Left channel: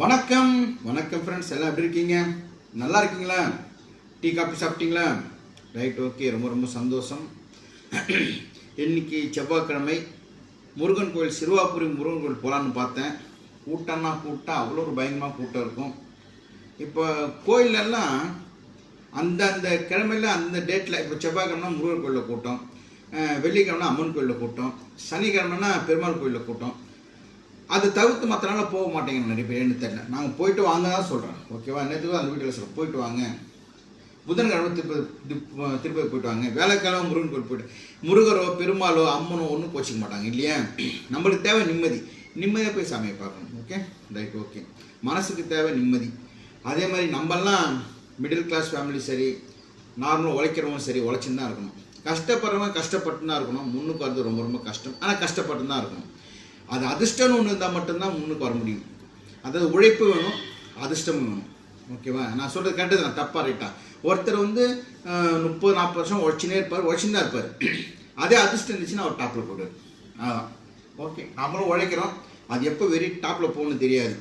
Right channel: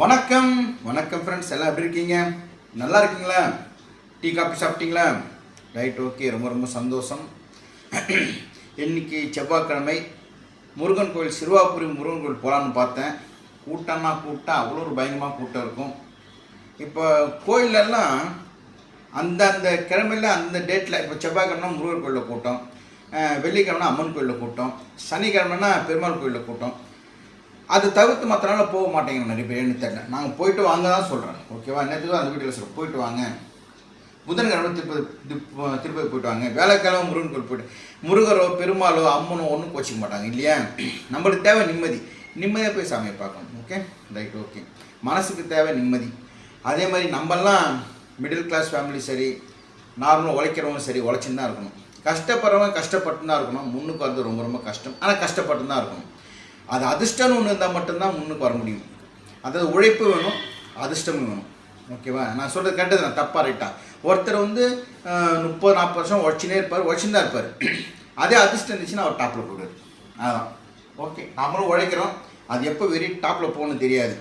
வணக்கம் வணக்கம் ஃப்ரெண்ட்ஸ், எல்லாம் எப்படி இருக்கீங்க? நல்லா இருக்கீங்களா? டீ காஃபி சாப்பிட்டீங்களா? ரைட், ஓகே, ரொம்ப ரொம்ப சந்தோஷம். இன்னைக்கு செவ்வாய்க்கிழமை முருகன் கோயில், சிறுவாபுரி முருகன் கோயில் போகலான்னு பார்த்தேன். கூட்டம் அவ்வளோ ஒரு பயங்கரமாக கூட்டம் இருக்கும். இப்போ கோயிலெல்லாம் அந்தந்த கிழமையில் அந்த டேட்டில், இப்போ செவ்வாய்க்கிழமை முருகன் கோயிலில் கூட்டம், வெள்ளிக்கிழமை அம்மன் கோயிலில் கூட்டம், சனிக்கிழமைனா பெருமாள் கோயிலில் கூட்டம். அது தவிர்த்து மற்ற நாள் போக மாட்டேங்க நிறைய பேர். என்ன தெரியல, நாங்கள் போயிட்டு வாங்க தான் சொல்கிறோம். ஓகேவா? நேற்று அந்த வீட்டில் சொல்கிறோம், போயிட்டு வாங்க. புதன்கிழமை திருப்பதி போயிட்டு வாங்க. வேலைக்கிழமை முருகன் கோயில் போயிட்டு, முருகரோ பெருமாளோ அம்மனோ ஒன்றும் கோச்சிக்க மாட்டாங்க இல்லையா? நம்மளுக்கு தேவை நிம்மதி. நிம்மதியாக போய் சாமியை பார்க்கணும். Okay, right, okay. மனசுக்கு தேவை நிம்மதி. அதே மாதிரி நம்மெல்லாம் மிடில் கிளாஸ் ஃபேமிலி சரி, நார்மலாக உழைக்கிறவங்க சரி, உழைச்சின்னு தான் இருக்கணும். கஷ்டப்படுறவங்க கஷ்டப்பட்டு தான் இருக்கணும். முன்னுக்கு வந்து ரொம்ப ரொம்ப கஷ்டம், ஆனால் கஷ்டப்பட்டு தான் இருக்கணும். அது அதிர்ஷ்டம்னு ஒன்று இருந்தால் மட்டும்தான் முன்னுக்கு வர முடியும். அதாவது உழைப்பு வேணும், அதிர்ஷ்டமும் வேணும். ஓகேவா? நான் சொல்கிறது கேட்டது நான் தப்பாக ரைட்டா? ஒருத்தர் வந்து 30-40 வருஷம் உழைச்சினே இருப்பார், உழைச்சின்னு தான் இருப்பார். அதே அதிர்ஷ்டம் இருந்துச்சுன்னா அவர் டாப்பில் போடுவார். அதான் ஓகே. நம்மளும் உழைக்கிறோம், அது எப்போ வெறி டாப்பில் போகணும்னு தெரியாது.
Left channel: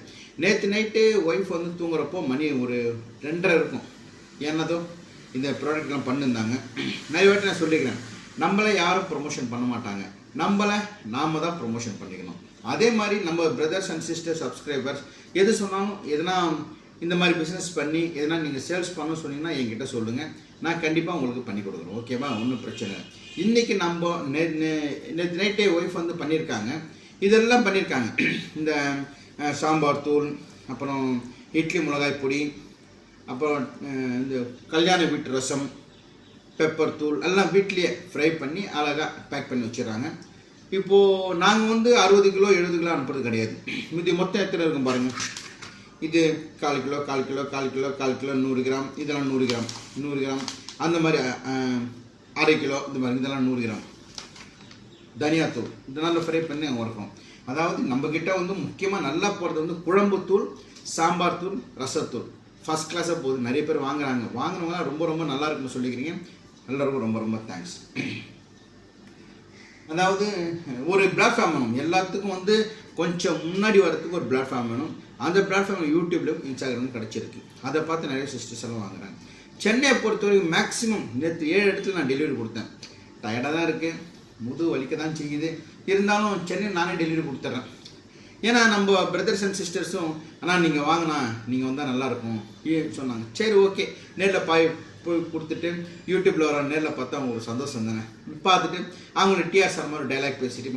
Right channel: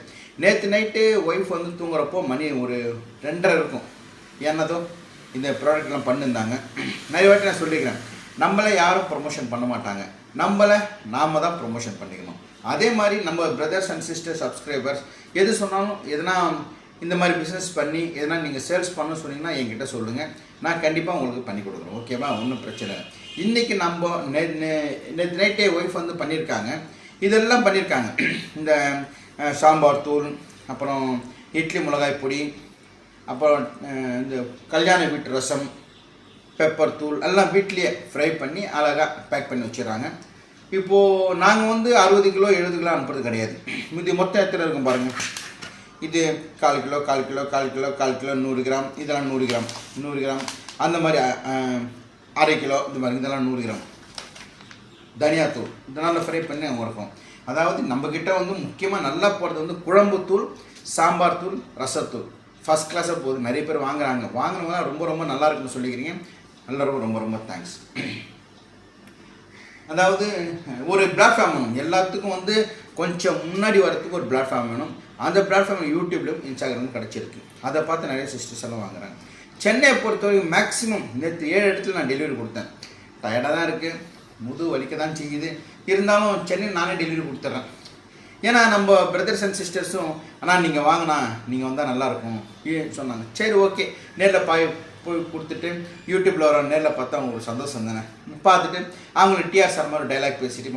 நேற்று நைட்டு ஒய்ஃப் வந்து தூங்குறப்போ மணி ஒரு 2:30 இருக்கும். என்னதோ இந்த ப்ராடக்ட்லாம் பண்ணியிருந்தாங்க. நிறைய வாட்டி நான் சொல்லிக்கிறேன், நம்மளை யாரும் ப்ரொமோஷன் பண்ண மாட்டாங்க, நம்மளை நாம் தான் ப்ரொமோஷன் பண்ணிக்கணும். அதே மாதிரி நம்ம பிரதர்ஸ் அண்ட் சிஸ்டர் சப்ஸ்கிரைபர்ஸ் எது சொன்னாலும், எதனா இந்த மாதிரி பிஸ்னஸ் பண்ணி எதனா நீங்கள் சேல்ஸ் பண்ண சொன்னீங்கன்னா என்கிட்ட சொல்லுங்கள், நான் கண்டிப்பாக உங்களுக்கு பண்ணி கொடுக்குறேன். ஓகேவா? ஒன்றும் பிரச்சனை இல்லை. இன்றைக்கி நம்ம நேற்று நைட்டே ஒய்ஃப் வந்து பண்ணியிருக்காங்க, இதெல்லாம் பண்ணியிருக்காங்க. இந்த சாம்பார் தூள், அப்புறம் இட்லி மிளகாய் பொடி, அப்புறம் இந்த கல்யாண வீட்டு ரசம், பெப்பர் தூள் எல்லாம் வீட்லேயே ஃப்ரை பண்ணி அழகாக பேக் பண்ணி வச்சிடறாங்க. இப்போது நாங்கள் வந்து 60 கிலோ 70 கிலோ அனுப்புறது கிடையாது. இது மொத்தம் எத்தனை இருக்கும் பாருங்கள். இது 1/4 kilo 1/4 kilo 1/4 kilo 1/4 kilo 100 gram, இதெல்லாம் 100 கிராம் 100 கிராம், அந்த மாதிரி 1/2 கிலோ இந்த மாதிரி, இதெல்லாம் 100 கிராம். தனியாத்தூள் இதனால் ஃப்ரை பண்ணி அங்கே இருக்கும். அதாவது நம்மக்கிட்ட வந்து முக்கியமாக நல்லா போகிறது வந்து குழம்பு தூள், சாம்பார் தூள், ரசத்தூள் ஃபஸ்ட் கிளாஸாக போகுது. நிறைய பேர் வாங்குறாங்க. வாங்கினவங்களாம் ரொம்ப ரொம்ப நல்லா இருக்குன்னு சொல்லிக்கிறீங்க. எல்லாருக்கும் ரொம்ப ரொம்ப தேங்க்ஸ். அதாவது ஒரு பிளாட்ஃபார்ம் வேணும் எல்லாத்துக்கும். வந்து கொஞ்சம் முன்னாடி வரத்துக்கு ஒரு பிளாட்ஃபார்ம் வேணும். அந்த பிளாட்ஃபார்ம் யூடியூப்லையும் இன்ஸ்டாகிராமும் கிடச்சிருக்கு. அதை பார்த்து நிறைய சிஸ்டர்ஸ் எல்லாம் வாங்குறாங்க. சென்னையை பொறுத்தவரைக்கும் மேக்ஸிமம் நேற்று 7 இடத்துல நான் டெலிவரி கொடுத்தேன். டயர்டாக தான் இருக்குது, முது வலிக்க தான் செய்யுது. இருந்தாலும் சென்னை நானே டெலிவரி கொடுத்துட்றேன். ஏன்னா நம்ம பிரதர்ஸ் அண்ட் சிஸ்டர்ஸும் ஆனால் நீங்கள் வாங்கினா நீங்கள் வந்தால் நல்லாயிருக்கும் சொன்னாங்க. சரி, ஓகே. நேரில் போய் கொடுத்துட்டு யூடியூப்பில் வர நேரில் பார்த்தா அவங்களுக்கு சந்தோஷம் தானே. பார்த்துட்டு அவங்களுக்கு டிஆர் சார் மாதிரி டைலாக் பேசிட்டு